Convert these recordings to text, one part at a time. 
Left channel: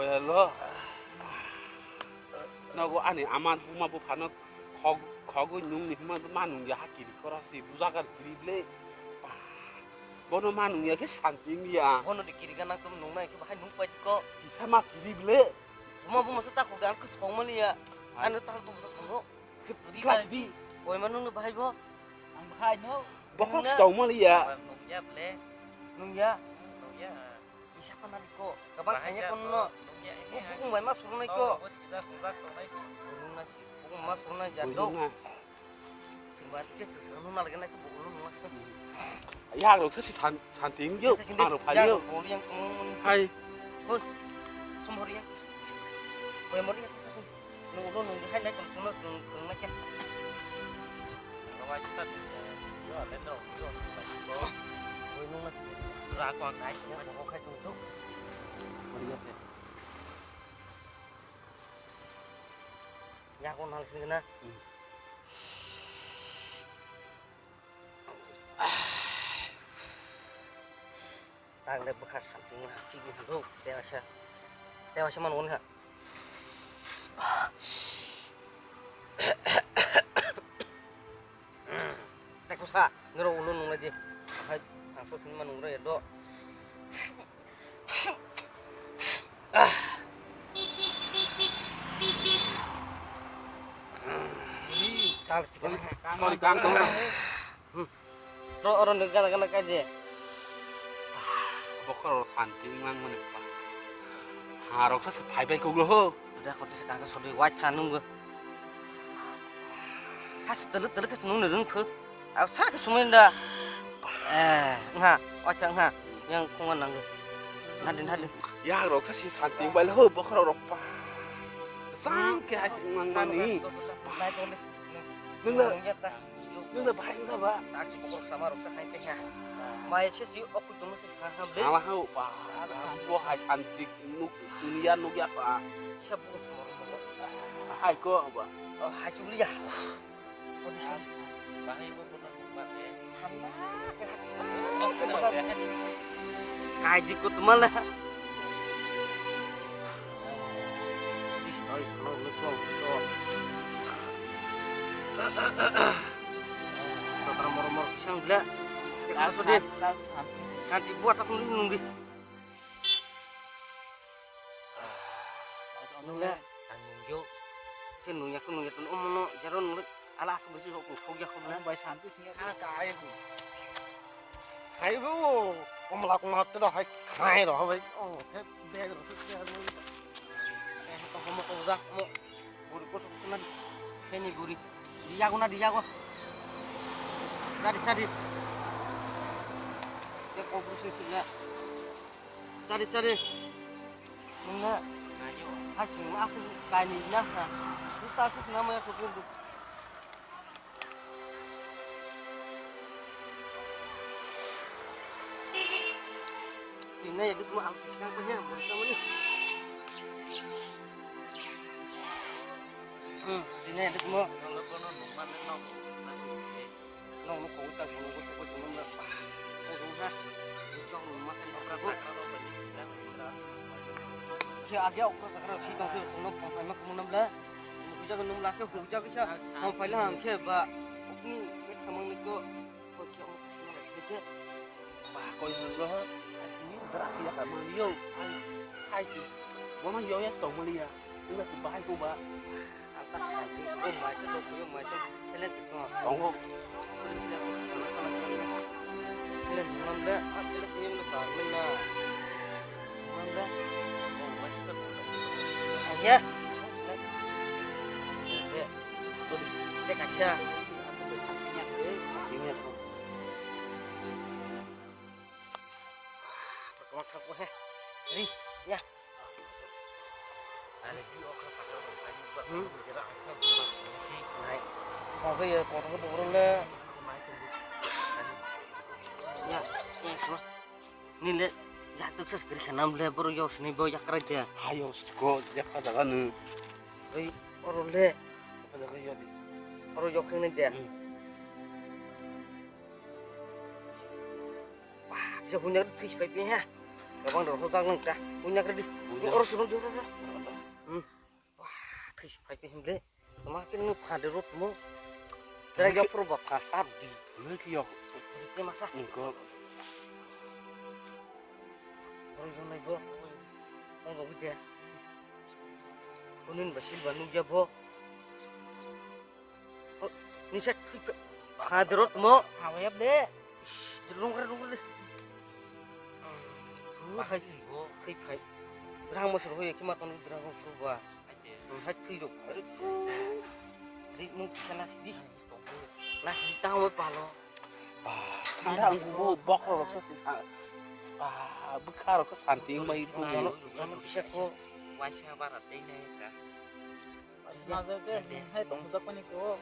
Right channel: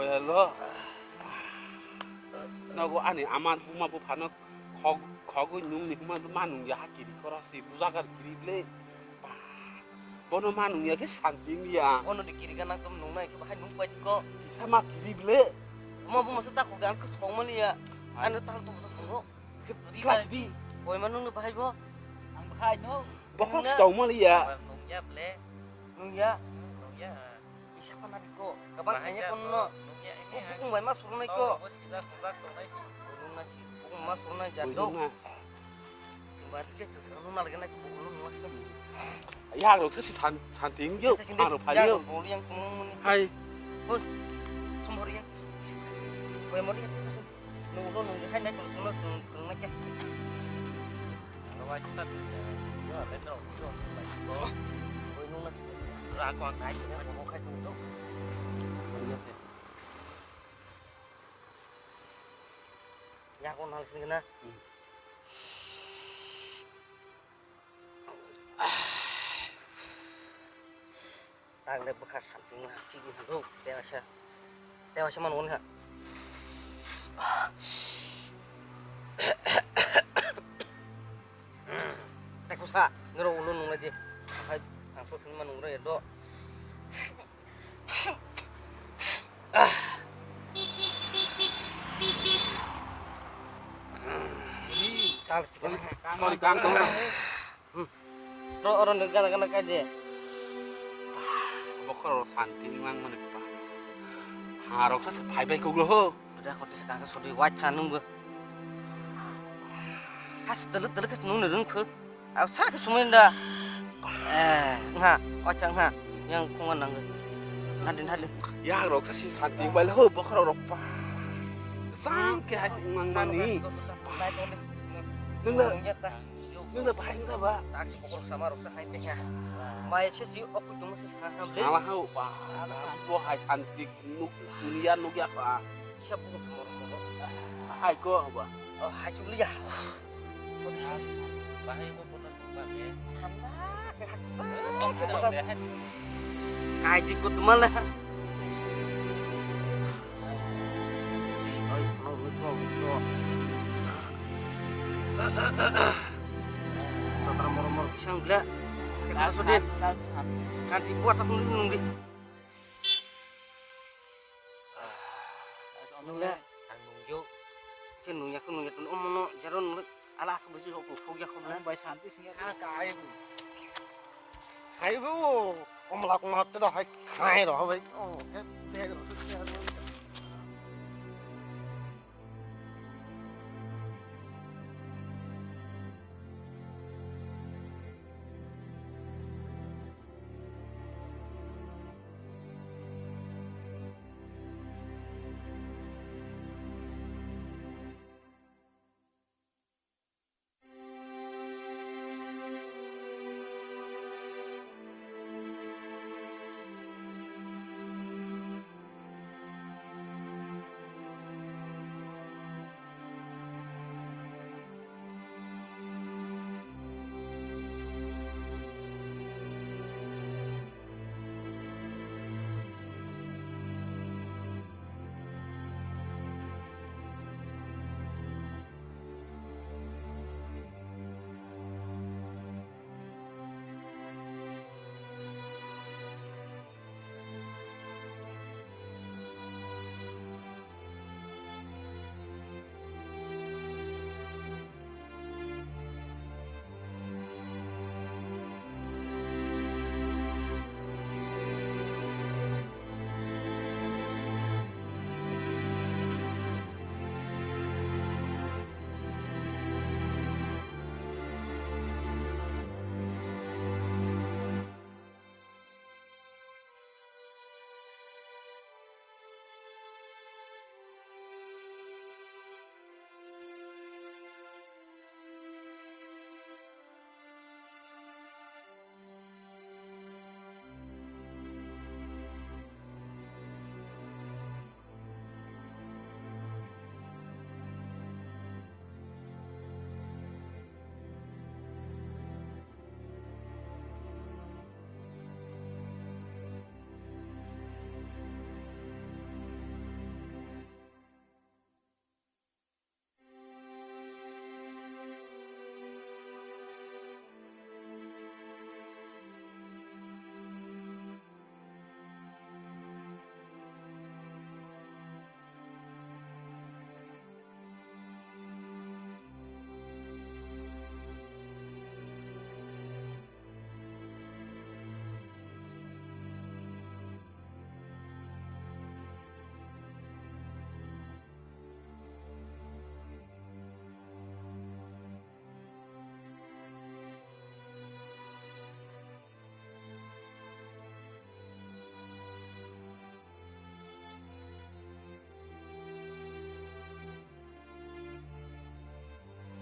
Koya lo. Nago ani aman puma bu phano khogo nung ni puma manung ya kiri korasi buzagar kiri ble. Bono manung ya ke santing ya. Bono di kiri kanan tum nung na ke bahai nung pait ko. Sama kiri ble. Puma bu maksud aku gan ke song mali ya. Anu tal tu budak ko. Kelas di. Boy manung nu bahai bo. Ang bahay no. Bokok setau mali ya. Nung ya ble. Nung ya. Siapa nabi ko? Kapan kanya ko no. Bukung bay mas surunay ko. Nung na si bukung mas surunay jado. Simbat ke sekarang na lagi na ko bukung mas na. Ya lo sa si santing yo. Ano pa yo. Boli yang kumun. Hai. Hoi. Sumori yang. Boy mo di ka sa. Nung ulo nung hay na ko sunod nung na kya. Nawasi ta. Yo letro. Yo. Boy nung na. Ra ko ang kai ko kai tung to. Ya ko nal sini na. Tang le bekas sancing na cing halo dewasa manun ha. Tekusa ngero ulun nung lagi. Apa pun manung re do. Kal cikal Kali kangkong. ro orang negara kaje. Bokor santing mang mana pa. Harok sa bai ko lo. Udah kau sekarang sodi white kanung gue. Has teluk kes nung nerung ke. Aku sak suminda. Nga, ocang nga yang kungan nang. Nadin hadin. Ya rok sa si santing bai lo bokor rok pa. Sang ke hai mang mani. Nung na bai nga ba. Taksi pokok sama roksa hai teh ya. Mai si aku cuma sih hamle. Alah hau pa. Bo hai cantik dunia nuk ya pa. Siapa pun semua orang. Hai ko ba. Oh, hai cuma ya. Sodi. Bahay mo po ng kumpate. Kahit di ko tumala. Ay, ano nito? Tatra moro-moro pisang gila. Kita sodin. Kan dibuat apa nung di. Nungla. Nungyo. Ke nungya ku nungya tun omono jaron ala sebesi sok fogya ko na. Bay santi singa. Kaya ko. Kaya ko. Omla ko mat da hay kaya ro bay. Oh, he de ro se ha mo. Mo ko za mo. Buri ko susuna. Beni buri. Dia ko na dia ko. Cari. Ya ko pusing sila. Cari. Enggak. Aja asal kaninya nah. Kita asal namanya kudu. Ini ya itu artis kampanye mereka ini. Ini ada semua. Ada orang sekarang sih tahu semua apa kamu nampak? Kita kan nampak ke kerja kita. Mau payah ke ba? Ini kamu itu kerja kita. Ba ko lo. Berarti ya kamu yo. Hai. Bo man yo ya tong mali ya. Lu ba hai ko ba. Atas satu sebab masa sebelum macam elektrik. Tong. Nampak aku sih sampai lah. Ya. Ya. Dia kasih. Pertama aku Ri, ya. Mau ke ya kono turun le. Ya, semua. Ini le ya tuh sekali kenam le baru yo sini bawa ya kerja. Ayo go ya pada kan. Ri, baru le. Pada yo. Baru yo kene dia. Wah, bisa punya fish pipe ya. Gabang dah hojak nang dah. Punya kerdi. Orang suruh dia orang. Wah, kis pakai himle. Semakin nu pada rot mu. Kira jauh perubahan katap di. Lagi yo. Dia masa. Enggak. Orang yang naik bo. Orang dia. Kunin basil banu dia bo. Ni saya pada rot mu. Awet deh. Terung deh. Hai bo, hai. Rang masuk hoye kimat non rang berubah. Hai tidak. Ini bisa nasi tahu palo. Ada anggu bokol bekar ke santing mai itu. Jangan bisa ko. Masih barat deh kan. Naga deh, hai tong utak panik ko.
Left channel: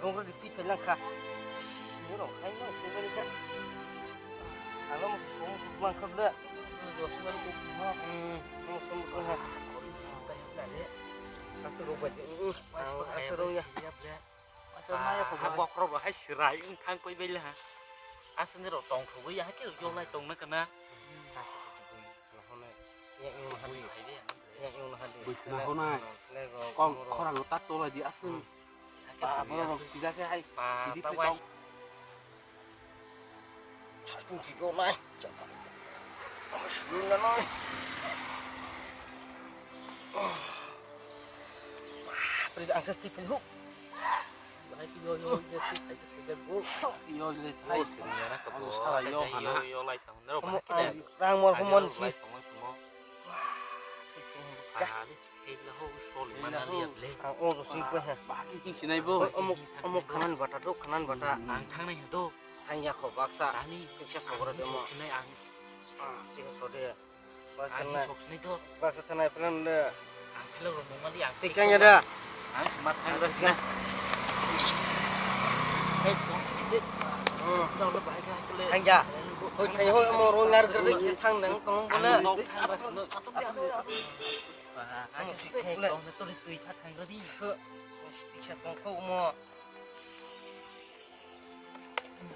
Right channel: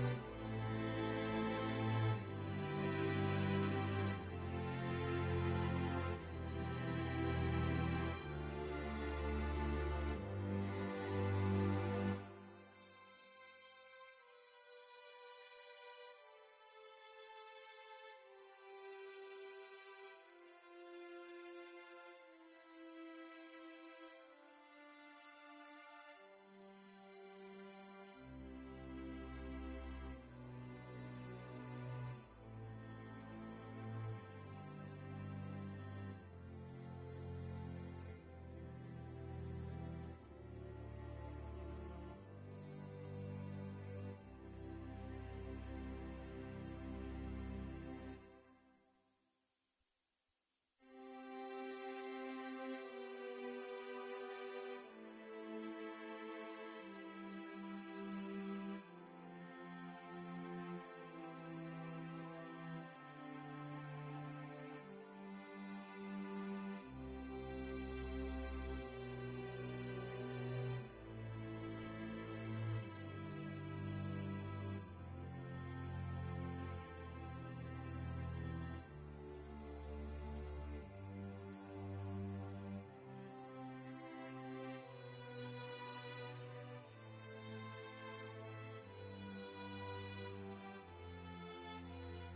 Kung dicit lang ka. Ano, hai na singkali ka. Alam mo, mangkap dah. Bọc rồi hay sải thang quay bên là asan nó tòng thủ với giá cái vô lại tòng nó cả na Nah, hôm nay con là nó tắt tôi là đi áp phương bà nó chỉ ra cái hay bà đi ta tới quay trong Sao chúng chỉ vô này? Sướng nói. Bây giờ ăn sắp tiếp hút. Hai kilo yo ya tik bu. yo lên hay vô lại tòng nó mà cái này Đang mua không muốn gì. Ang ô xin quên hả? bà cái gì thế này vô Omuk kanan bata tuh kanan bata. thang này tuh Tanya kau baksa. ani Bisa sokor dia mau. sini ang Tiga sore. Baksa ani na. sini tuh Baksa tanah pelan deh. ang lo mau dia Tiganya dah. ang smart hang Terus kan. hey đâu nó phải ra cái Tanya. Ôi thầy ơi mau rồi ngar gede kita thang nang tong bola. nó anh sẽ con tôi tùy thắt thành cái đi Tiga tong kau mau.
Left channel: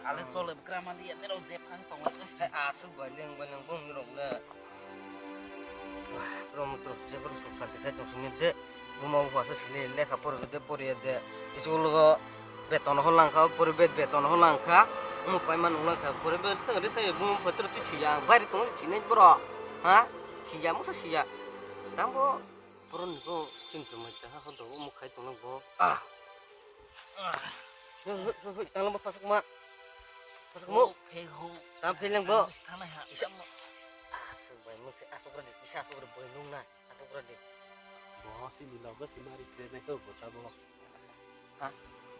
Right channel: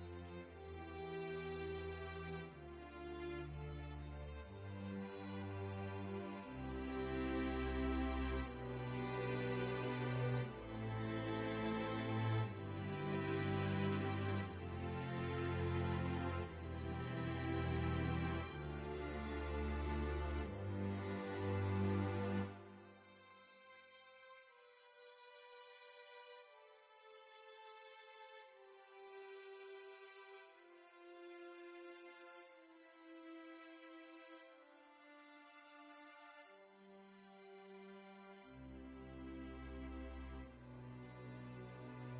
ale sole kraman dia nero zep hang tong terus Hai asu bajeng banang bung ngerong dah. Wah, belum terus saya perlu susah dekat yang sini deh. Mau kuasa sini deh kapur deh puri deh. Itu lo beton holang kau puri beton holang kau. Mau paiman holang kau puri beton tengah deh bung petir tu sia. Bari tu sini bro. Hah? Sia masa sia. Nampo purun ko cinta macam apa tu mau kai tu nampo. Tanglang pasuk mak. Pasuk mu. phê hô Tampil lang bro. thằng này hả Asu bay mo si asu berade bisa asu berade boy nung na asu berade bỏ thì mình đâu có chỉ mà cái này đâu có sao đâu hả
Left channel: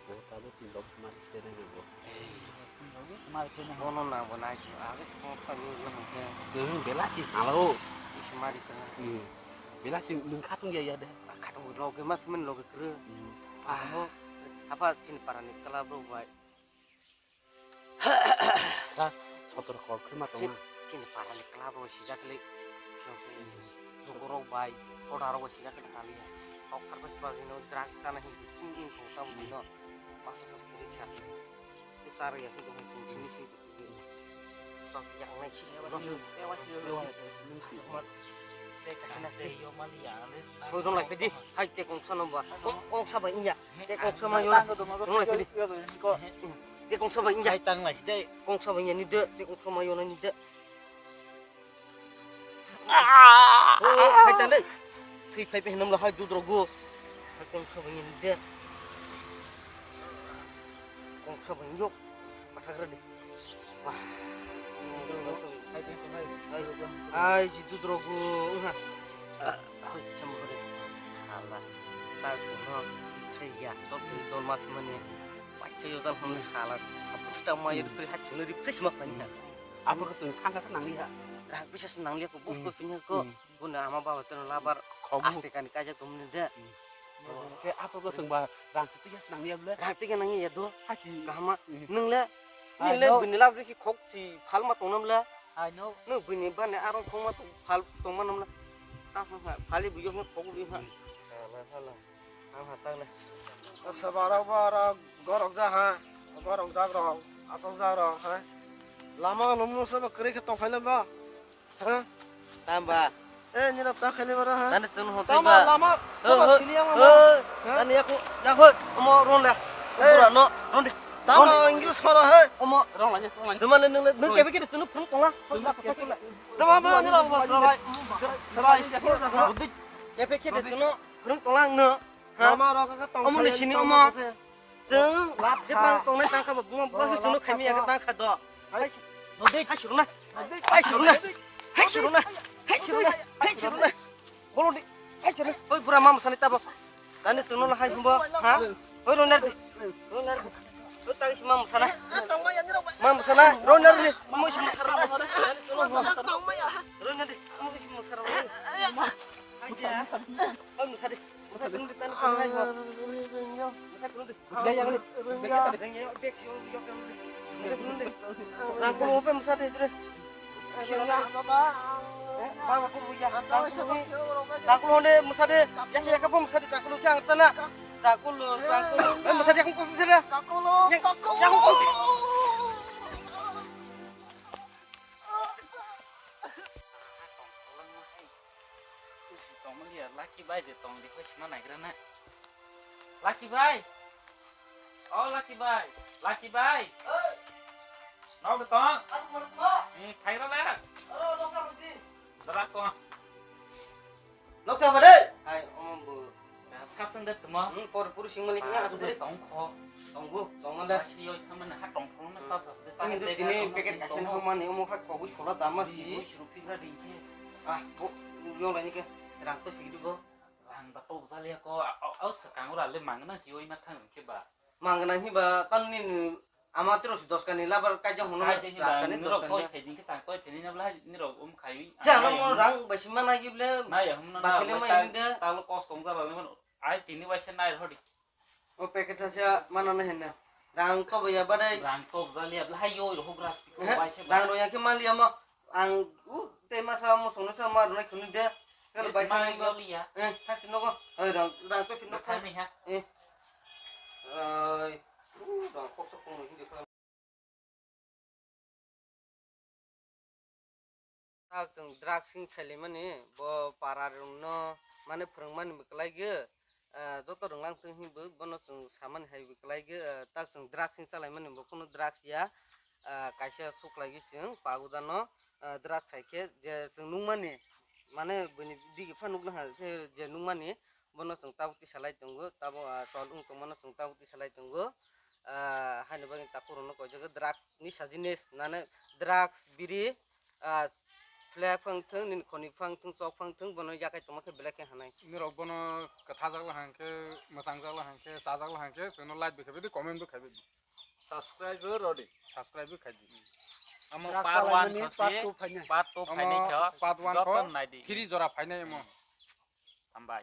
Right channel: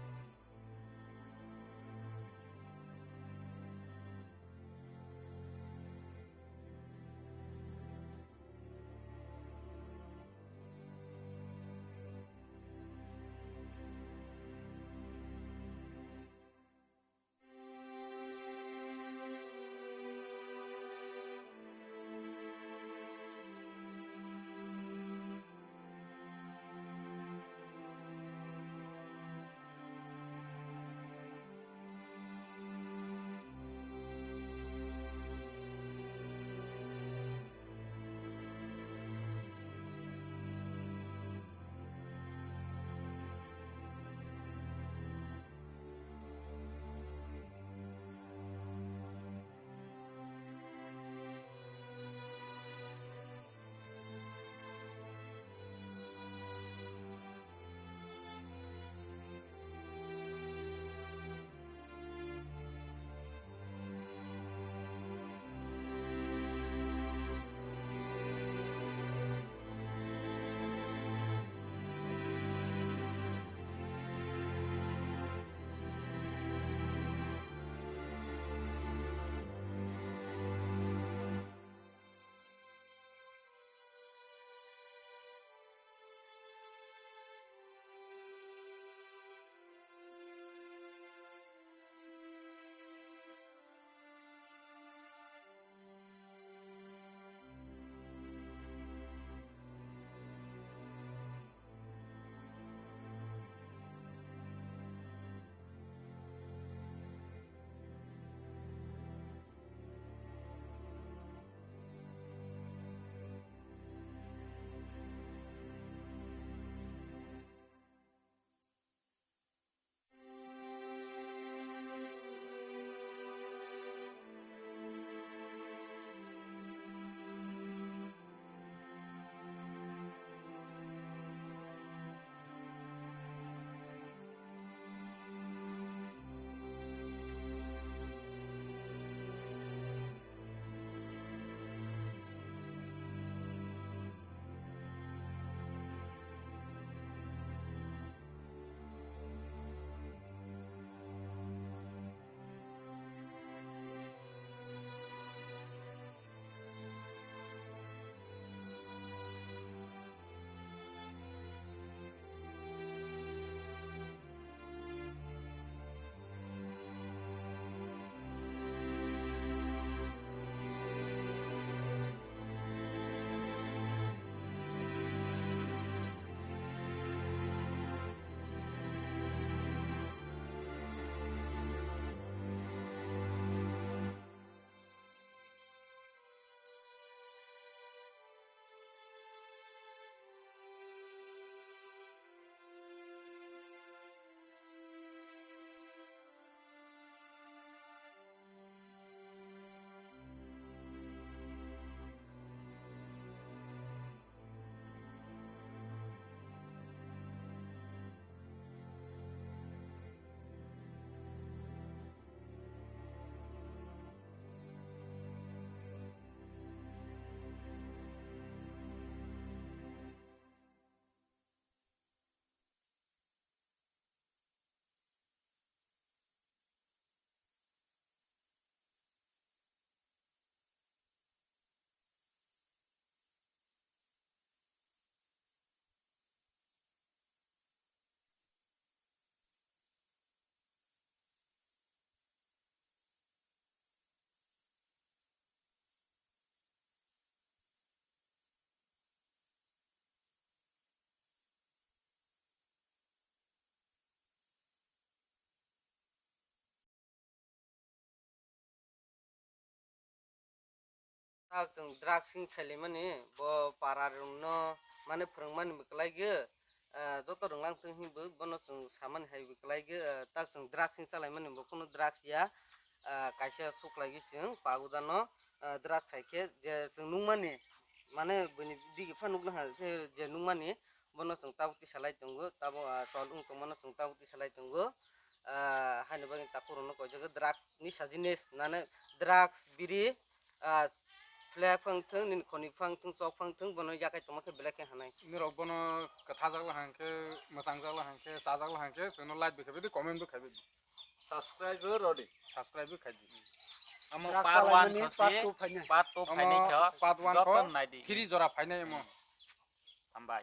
đâu có chỉ đâu mà cái này đâu mà cái này ono na bona ji aga si mo fa ni lang ke bela chỉ halo si mari ka bela chỉ đừng khát tung ya deh kadang lo ke mak men lo ke kre mo apa cin parani kala bro bay kotor kor ke mata cin parani kala bro si jakli to bro bay ora ro si jakli kali ok kar bas bagi no drag sana hi ko tam ni no pas sekali chat besar ya si sini sini sok yang naik sih no hewan dia luôn Mat, đây vô mà dia Ôi con lại phải đi, hai tay con sao nó bảo, con sao vậy nhỉ? Tay con sao mà vô lại, con lại phải đi, tay con sao vậy nhỉ? hai tăng này đây Con sao vậy nhỉ? Tay con sao mà vô nó nhỉ? Hai tay đấy, thì phải phải nằm là hai đứa rồi go, hai con sao vậy nhỉ? Con sao vậy nhóc, mặt thằng đấy, wah, ai si tu drogo, ha? Tan semua saya top mat mana macam itu kan pun salah kita mau itu lihat cuma di pres makanya apa ke sing khang nang ya dah bisa senang lihat kok bos punya kok guna ama bawa terus labar kamu pasti kan dikajak tuh muda ke apa ke sing ba rang itu ya senang ya bela nanti kan nangis ya tuh haki kahama neng lah ini lah bini lah beri kok si hal mat tonam lah I know neng bini ban ya arong kok mat hal tonam nam lah apa kali bujurnya kok beli mat salah hatang lah Sabara bara gorok jaha gorok jagrong asal zarang hai lama nomu sama kere ke tong phailam ba ha Tamba. ni rap ta khale bara ha Dan sunu hotai tama ba. lama tama siliang lama Dan aku yakut omo ron la. Pura no ron di. tama inggris khara hai Omo Rong lanya, rong lanya. Duman nung kebe kede sunu prung tonga. tama ba ni rap sarai sarai sia Kebe kede sunu prung tonga no. Ha. lama ra ka tong Omo di sini omo. Jeng Jepang tongnai tangka ba bunga basi sunu kami ya tangka do. Hai siruna. Hai siruna. Hai siruna. Hai siruna. Hai siruna. Bolo di. Hai siruna. Oi pura mam sanita ba. Dani sunu la hai humba. Ha. Oi ronar di. Ronar di. Oi tagi si mam sana. Mam sana ronar di. Mo si mam sarana. Ronar di. Mo si mam sarana. Aja. Oi musadi. Musadi di tanah tanah hai mo. Gaya kali. Gaya tadi. Gaya bek si orang yok. Aku mau pe musadi itu. Bang aku punya aku mau deh musadi. Ya kamu musadi aku lu jangan sana. Aku lu. Musadi aku kau sana. Yang aku kau. Tongมันdia laki bai de tong di kos mana kerana. Laki bai. Oh laki bai. Laki bai. Mau ke tong? Ni khai ra la. Sarak tong. Lok sama deh. Hai om bu. Sasan de tmo. Por puru sing malik nya asup deh. Tong kho. Tunggu, tunggu lah. Si yo thaman ha tong kho na ta sas de ta. Ini paket kasih nama nih om kak kau sholat damar sih. Rupi ra di. Ah, bu, yung lain ke. Terang tuh hidup bu. Rang ta to sa le ko au sa kang ora le mang na si yo ma thang ke ba. Mangga nahi ba tan nin amatir us dos kani labar kajang hono Kai je ba kani ni dos ro to kani. pe din ke sa to pe ni na bla ni ro khai. Jangan mau rang basima lagi ble. Na ya hum na Bakile mah ini deh. ta lo kos tong za ba le ai tini wa se nai hodi. Oh paket hasil mana nih hendak. Rang to ya badai. Rang to za le bla yo ro gras ko ba se ba. Rang do yang ke mali ama ang tema sama sono sama rang kuni deh. Kalau baik mana kan yo li ya. kasih noko. Rang to pindah Khai ni ha. Rang kok sokong ini deh. Tak jeng dragsing khali mane bo pararungno mane phurungmani beklaige joto runglang tunghi bo bono jeng saman hai beklaige tak jeng dragsing salai mane bo kono drags ya kaisa suklagi jeng pagudano drags thaike je jeng nungmani mane bini digi phanukna ha je nungmani bono jeng tabuti salai tongo tabo cholung tongmano jeng tabuti salai tongo haino bagi takurono ko jaga drags ni sajines nane drags biri flag phangthung nin khoni phangthung chok phangthung bono yakai tomake black hanai nirok bono katha jagla hanke masang jagla hanke sa jagla hanke sono like bikhabe di comment bikhabe di subscribe rodi subscribe bikhabe Amo Drak par salai 1 mani, khose part two phanya. part 2 phai nei kho. part 1 Joton ko nai di. 3 jora phainai mo Tambai.